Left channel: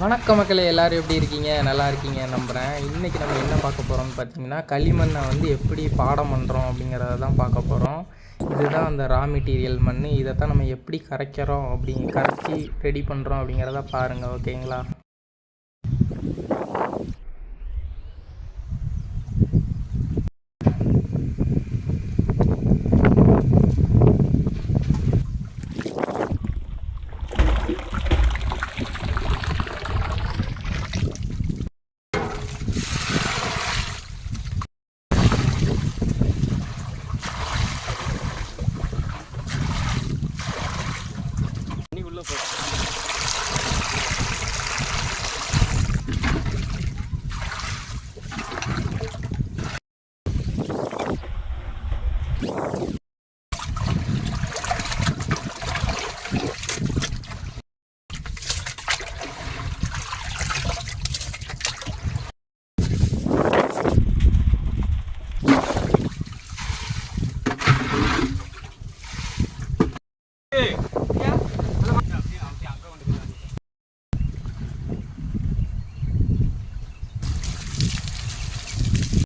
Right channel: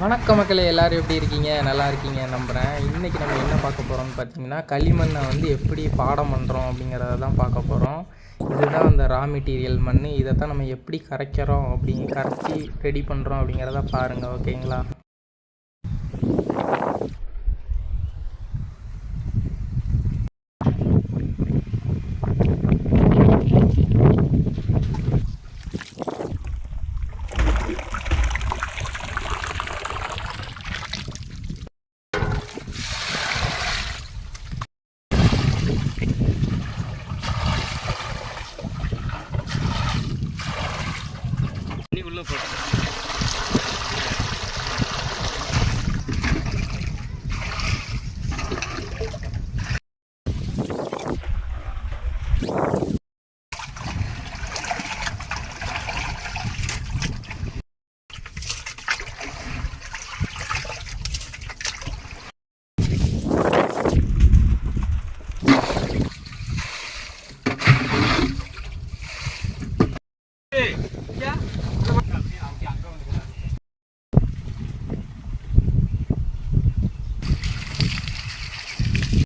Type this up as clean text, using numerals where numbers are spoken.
வணக்க மக்களே, எல்லாரும் எப்படி இருக்கீங்க? நல்லா இருக்கீங்க நம்புகிறேன். இன்றைக்கி நம்ம என்ன பார்க்க போகிறோம்னு பார்த்தீங்கன்னா, களிமண்ணை வந்து எப்படி பாடம் பண்ணுறோம் அப்படிங்கிறத தான் பார்க்க போகிறோம். இதுதான் அந்த ரா மெட்டீரியல் மண். இதை தான் நம்ம எப்படி கரைக்கிறோம் கரைச்சி ரெடி பண்ணுறோம் அப்படிங்கிறத பாருங்கள். ஓகேங்களா? உள்ள போட்டு